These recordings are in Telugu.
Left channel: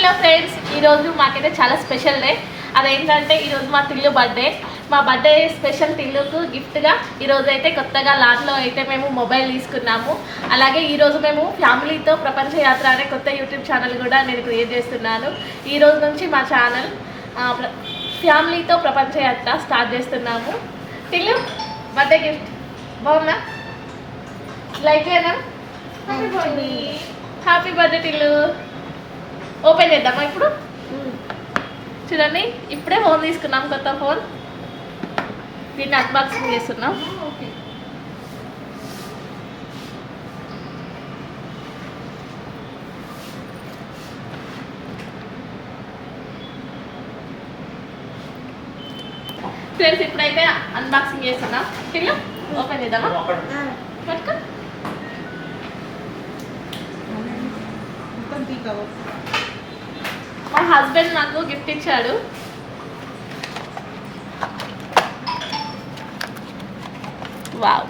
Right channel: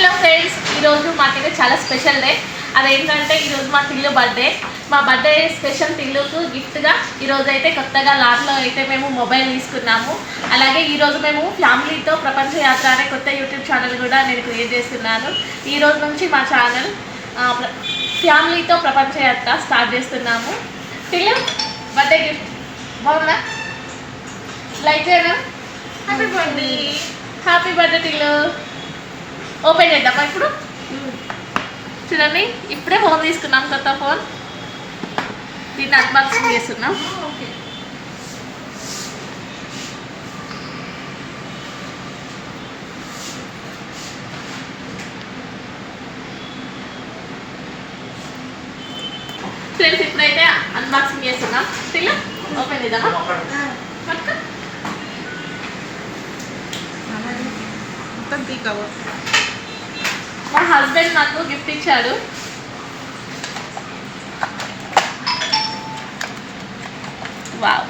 హలో ఫ్రెండ్స్, ఈరోజు మాకైతే చాలా స్పెషల్ డే. అదేంటంటే ఈరోజు మా టిల్లు బర్త్డే. మా బర్త్డే స్పెషల్ టిల్లుకు గిఫ్ట్గా ఈరోజు అయితే కొత్తగా లాట్లో అయితే మేము మొబైల్ తీసుకున్నాము. అలాగే ఈరోజు మేము ఫ్యామిలీతో ప్రపంచ యాత్ర అనే కొత్త యూట్యూబ్ ఛానల్ కూడా నేను క్రియేట్ చేస్తున్నాను. ఈరోజు నుంచి మా ఛానల్ ఫ్యామిలీతో ప్రపంచ యాత్ర స్టార్ట్ చేస్తున్నాము. టిల్లు బర్త్డే గిఫ్ట్ బాగుందా? లైక్ చేయనా? Happy birthday, happy birthday Tillu. Open చేద్దామా ఇప్పుడు? చూడండి, ఇప్పుడే ఫోన్ తీసుకున్నాం, కొత్త ఫోన్. దీన్ని అన్బాక్సింగ్ చేస్తున్నాం. ఫ్రెండ్స్, ఇప్పుడైతే అన్బాక్సింగ్ చేస్తున్నాం. తిల్లు ఓపెన్ చేద్దామా? పట్టుకో. మా హస్బెండ్ నాకు గిఫ్ట్ ఇచ్చాడు. వావ్,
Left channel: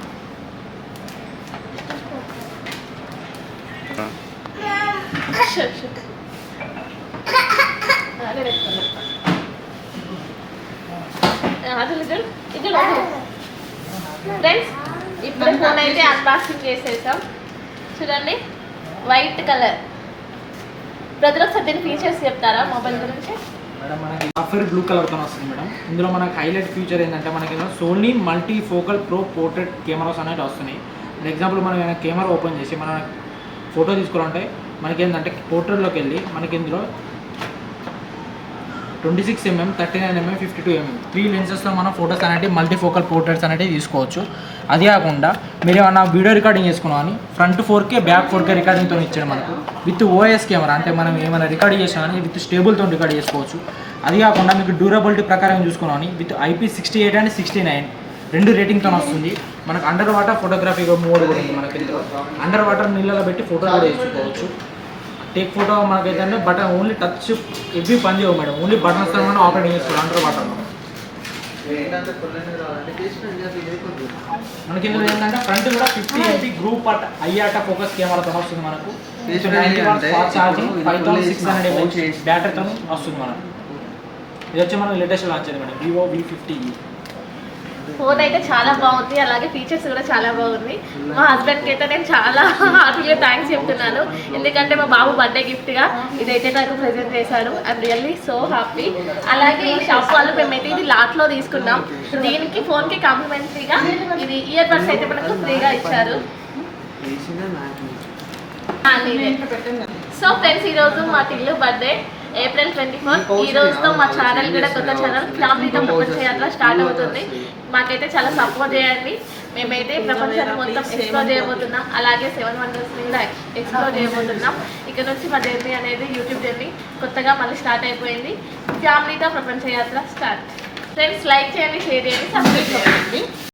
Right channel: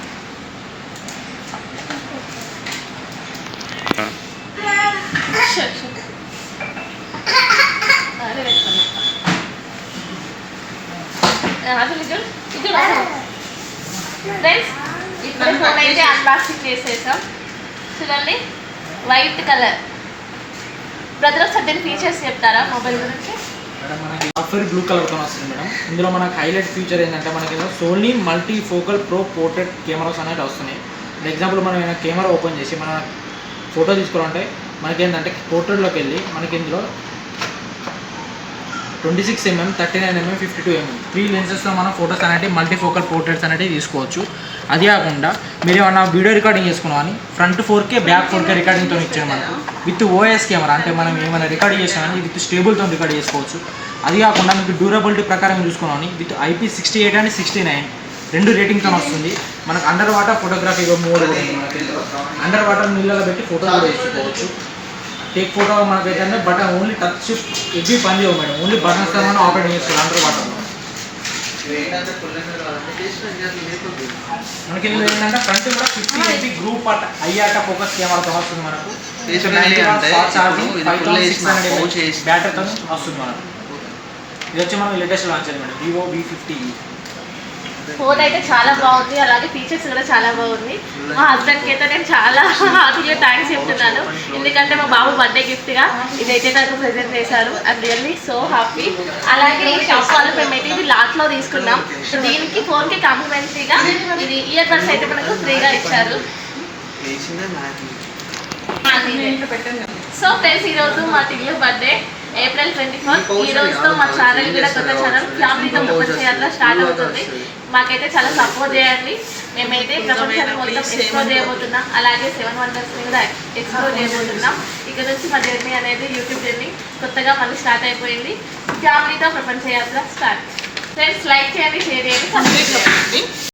ఫ్రెండ్స్ ఇప్పుడు ఫోన్ అయితే అన్బాక్సింగ్ చేసేసాం. చూడండి, వైట్ కలర్. బ్రదర్ ఒకసారి దీని ఫీచర్స్ చెప్తారా మొబైల్ గురించి? మేడం, మనకి సాఫ్ట్వేర్ బ్లూ కలర్తో వస్తుంది మేడం. ఇందులో మనకి హైలైట్ ఫీచర్ ఏంటంటే మనకి Sony multi focal pro portrait cameras అనేవి వస్తున్నాయి. ఫర్ ఎగ్జాంపుల్ మనం ఏమైనా కెమెరా ఓపెన్ చేసి మన ఫోటో తీసుకోవాలంటే మనకి ఏంటంటే పోర్ట్రేట్లోకి వెళ్ళి మనకి ఇందులో 26mm, 39mm, 52mm 3 లెన్సెస్తో మనం ఫోటోస్ అనేవి మల్టీ ఫోకల్ పోర్ట్రేట్స్ అనేవి తీసుకోవచ్చు. అది కాకుండా మీరు ఏమన్నా వీడియో రికార్డింగ్ చేసుకున్నామని ఫ్రంట్ 4K బ్యాక్ 4K రికార్డింగ్తో ఇచ్చారు మనకు. విత్ ఓఎస్ కెమెరా, అంటే మనం ఏమైనా రికార్డ్ చేసామని విత్ స్టేబుల్తో రికార్డ్ చేసుకోవచ్చు. అది కాకుండా మీకు డ్యూరబిలిటీ ప్రకారం చూసుకున్నామని విత్ IP68 అండ్ 69 2 రేటింగ్తో వస్తుంది. మనకు అండర్ వాటర్ ఫోటోగ్రఫీ మోడ్ కూడా ఉంది. మనకి అండర్ వాటర్ నీళ్ళలో పెట్టి ఫోటో కూడా తీసుకోవచ్చు. టేక్ ఫోటో మనకైతే బటన్ ఓన్లీ టచ్ ఎవ్వి పని చేయవు మేడం. ఓన్లీ బటన్స్ మనం ఆపరేట్ చేసుకోవాలి అండర్ వాటర్లో. మనకి ఇందులో ఏంటంటే ఫ్రంట్ కూడా 50MP గ్రూప్ ఐఆట ఫోకస్ కెమెరాతో వస్తుంది మనకు. ఛార్జింగ్ 5600 బ్యాటరీతో వస్తుంది మనకు. ఇది వచ్చి మనం లేటెస్ట్ లాంచ్ అయింది మేడం, Vivo V50e. ఫోన్ అయితే చాలా బాగుంది, అలాగే ఫీచర్స్ కూడా చాలా బాగుంది. మా హస్బెండ్కి అయితే నేను చాలా హార్ట్గా థ్యాంక్స్ చెప్తున్నాను. ఎందుకంటే మా బాబు బర్త్డే గిఫ్ట్గా ఇదైతే నాకు ప్రెజెంట్ చేశారు. I'm really so happy. అలాగే ఈ షాప్ వాళ్ళు మేమైతే ఇది లాట్లో తీసుకున్నాం. దీనికి ఫోన్కి కాంప్లిమెంటరీగా ఇది ఇయర్ బడ్స్ అయితే మనకు ఫ్రీగా ఇచ్చారు. సో ఫ్రెండ్స్, ఈరోజు మా టిల్లు బర్త్డే April 24. ఈ రోజుతో మా ఛానల్ కూడా కొత్త ఛానల్ ఫ్యామిలీతో ప్రపంచ యాత్ర స్టార్ట్ అవుతుంది. మాకైతే చాలా సపోర్ట్ చేయండి. మేమైతే ప్రపంచాన్ని మొత్తం ఎక్స్ప్లోర్ చేయబోతున్నాం. అలాగే 7 వండర్స్ని కూడా ఎక్స్ప్లోర్ చేయబోతున్నాం. ఇక్కడ నుంచి మా జర్నీ అనేది యూట్యూబ్ జర్నీ కొత్తగా మళ్ళీ స్టార్ట్ అయిపోయింది. ఫ్యామిలీతో ప్రపంచ యాత్ర స్టార్ట్. ఫ్రెండ్స్, లైక్ చేయండి, షేర్ చేయండి, సబ్స్క్రైబ్ చేయండి.